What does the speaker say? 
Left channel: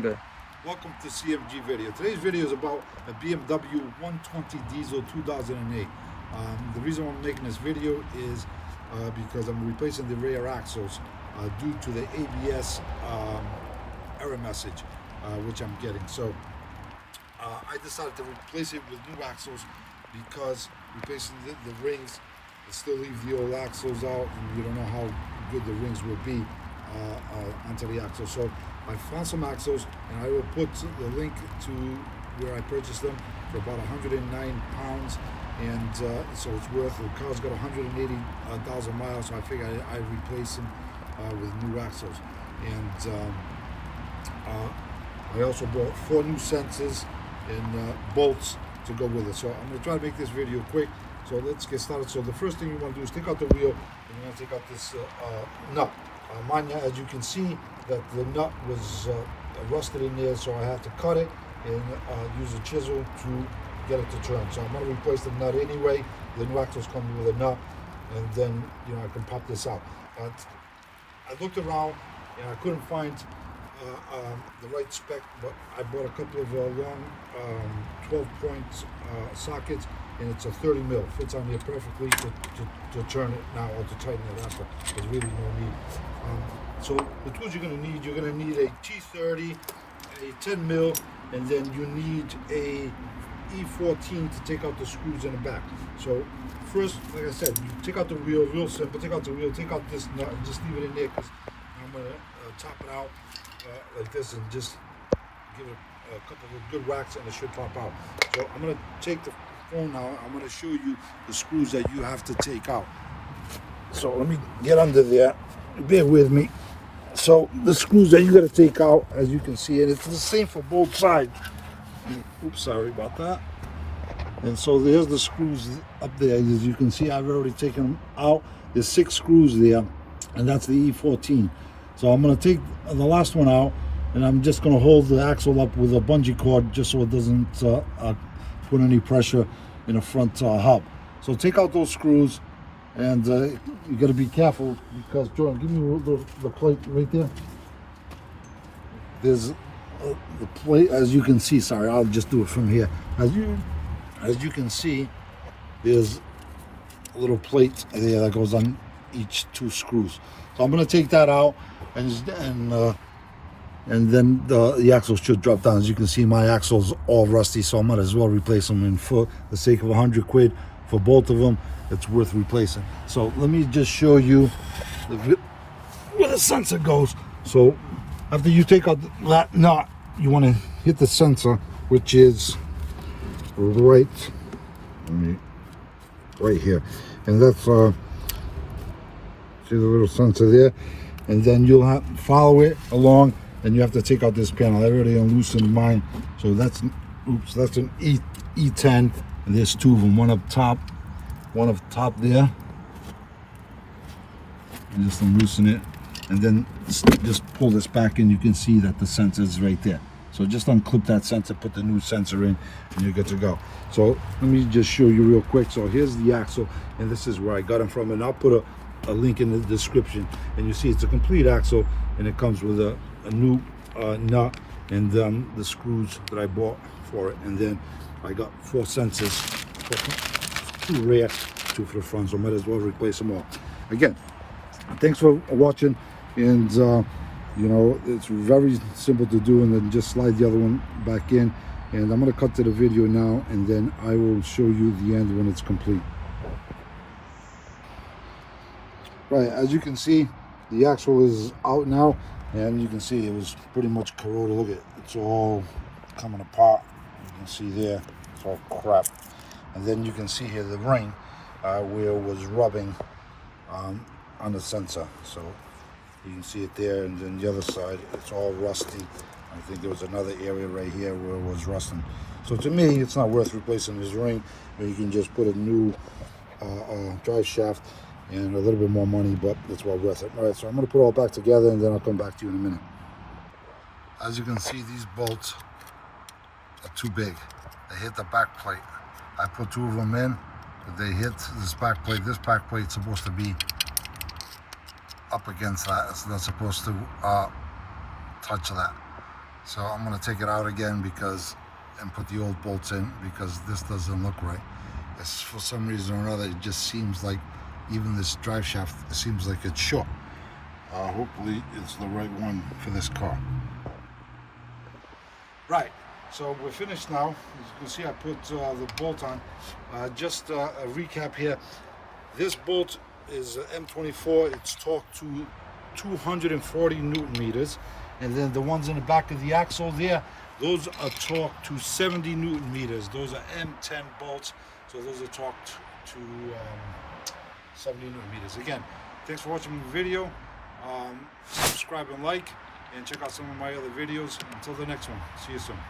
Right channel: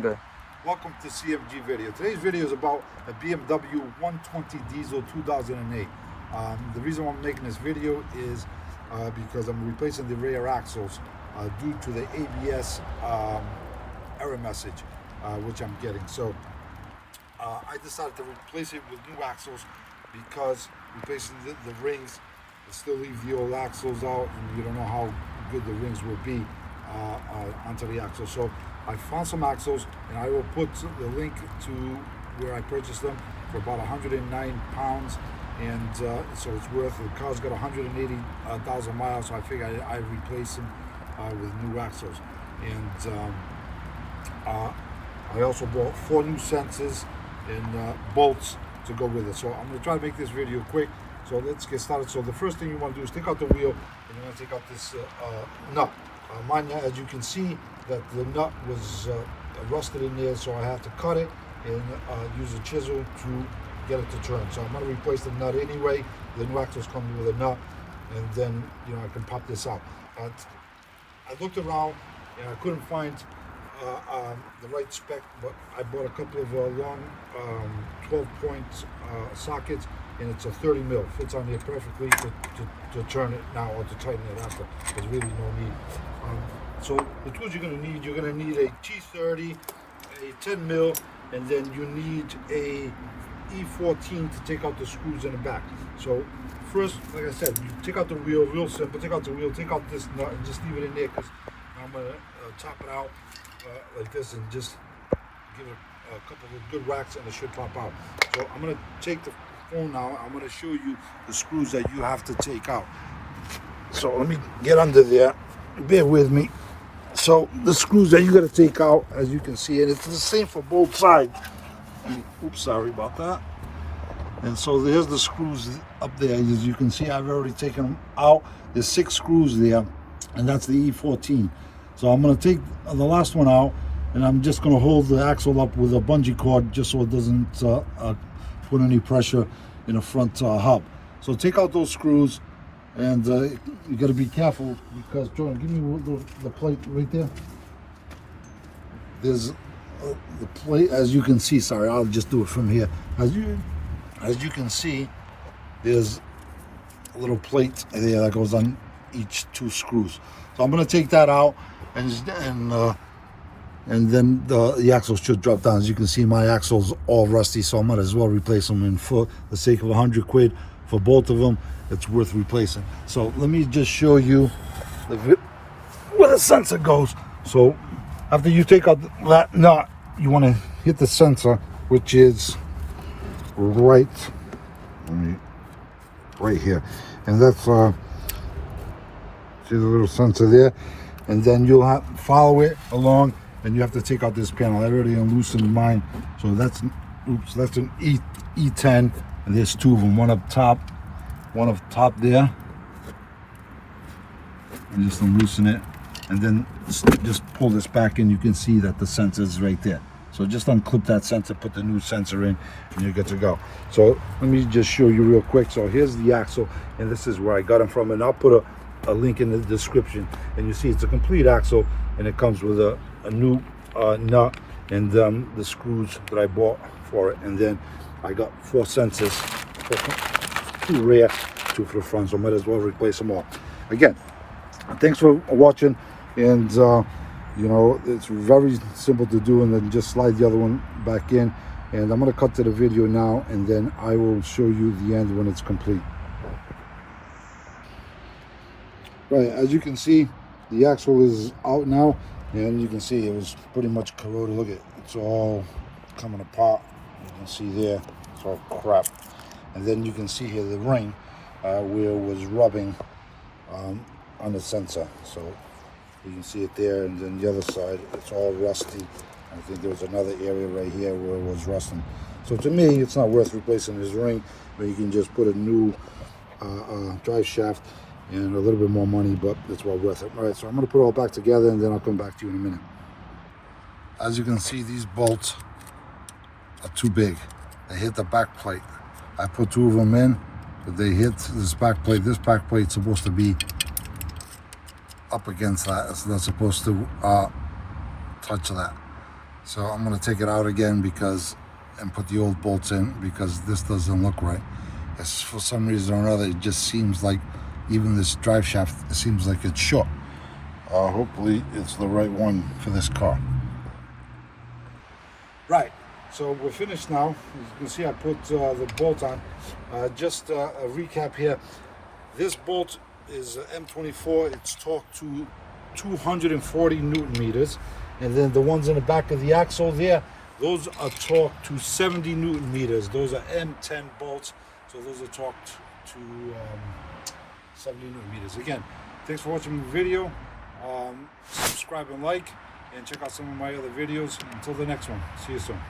Good. Welcome to CMG video. Today's video is about a BMW 120 diesel 2008. The reason why I'm making this video is because I'm replacing the rear axles due to the ABS error message which I'm getting. So I decided to replace it with new axles because replacing the rings will still leave the old axles out, and you don't know how good the rings will be onto the axle. So I found some axles, and I will put the link to where I purchased them for about 109 pounds, and so it's worth. The car's got 180,000 miles, so I figure I replace them with new axles. And I also bought 4 new sensors and bolts to go with it. So I'm going to try to make this video quick. So let's get started. So the first thing you want to do is take out the wheel, and you're going to take out this nut. Mine, as you can see, that the nut was rusted in there, so I have to cut it and use a chisel to get it to turn. So I'm going to replace the nut anyway. The new axles come with a nut, and then I can pop this out. I looked around and I couldn't find the right spec, but I bought a couple of long 12-point sockets, and it's a 30 mil. Fits on there perfectly to turn it now or to tighten it after. There's really no need. So the tools you're going to need a T30, a 10 mil, and then you need a E14 to take out the screws in the back. So first, like I said, you take out the wheel, real simple. Take out the wheel, take out this nut, and just leave it in there, because I'm going to top it out like this and just give it a couple of good whacks, and it should pop out. So I'm going to take the phone now. I'm going to show you the screws that you have to take out. So let me get under there. Bear with me. So the screws that you got to take out, as you can see, and it's the same for both sides. Oops, sorry about that. And so there's the screws up there. As you can see, I've already taken them out. There's 6 screws there, and that's the E14. So I'm going to take the last one out, and I'm just going to hold the axle up with a bungee cord just so it doesn't put any pressure in the front hub. So take out those screws. And you got to be careful, because Jordan, give me the plate right there. There's the plate, as you can see. Sorry, I'll just do it from here. As you can see, there's a little plate there that goes on each 2 screws. So I'm going to take that out, and then the axles should drop down. As you can see, my axle's all rusty, so I might as well replace them. And for the sake of 100 quid for both of them, it's worth replacing. So let me just show you where the sensor goes. So after you take out that nut, you want to hit the sensor, which is right here, and that's see the little sensor there. And then you'll have to follow it along, and you have to take out this panel. I already unloosened mine. So that's an E10, and there's 2 of them, one up top there, and just unloosen it, and then just pull this back in. You can see that the sensor is right there. So just unclip that sensor, put the new sensor in, and you're good to go. So let me just show you real quick. So here's the axle, and this is where I got them from, and I'll put a link in the description. And you see it's a complete axle, and it comes with a new nut and the screws that I bought for it. And then I got 4 sensors, 2 rear, 2 for the front, so might as well replace them all. Again, thanks for watching, and it's very simple to do, and then just slide the other one back in. And I'm going to cut to the video now, and then I will show you the end when it's complete. Right, as you can see, the axle is out now, and you can see it was pretty much corroded. Look at it, it's all coming apart. You can see there, it's all crap. And then you can see here the ring where it was rubbing on the sensor. So you can see it there, and then the other side, it's all rusty. I think there was another area right here where it was rusting. So to me, it's not worth replacing this ring, but you can just put a new drive shaft and a little bit more money, but it's well worth it. All right, so I'm going to put it all back together, and then I'll come back to you in a minute. As you can see, these bolts are too big. They hit the back plate. I put 2 of them in, but they hit this back plate. This back plate's supposed to be up against that. It's not supposed to touch that. So I'm going to take it out again and put the old bolts in, because this doesn't look right. It's, for some reason or another, it just seems like even this drive shaft, it seems like it's short. Hopefully it's the right one for this car. Right, so we're finished now. As you can see, I put the bolt on. Just a recap here. This bolt is M24. It's torqued to 240 Newton meters. And then the ones in the back of the axle there, those are torqued to 70 Newton meters. Those are M10 bolts. So those are torqued to 70 Newton meters. Again, thanks for watching the video. Subscribe and like, and check out some of my other videos. Until the next one, see you soon.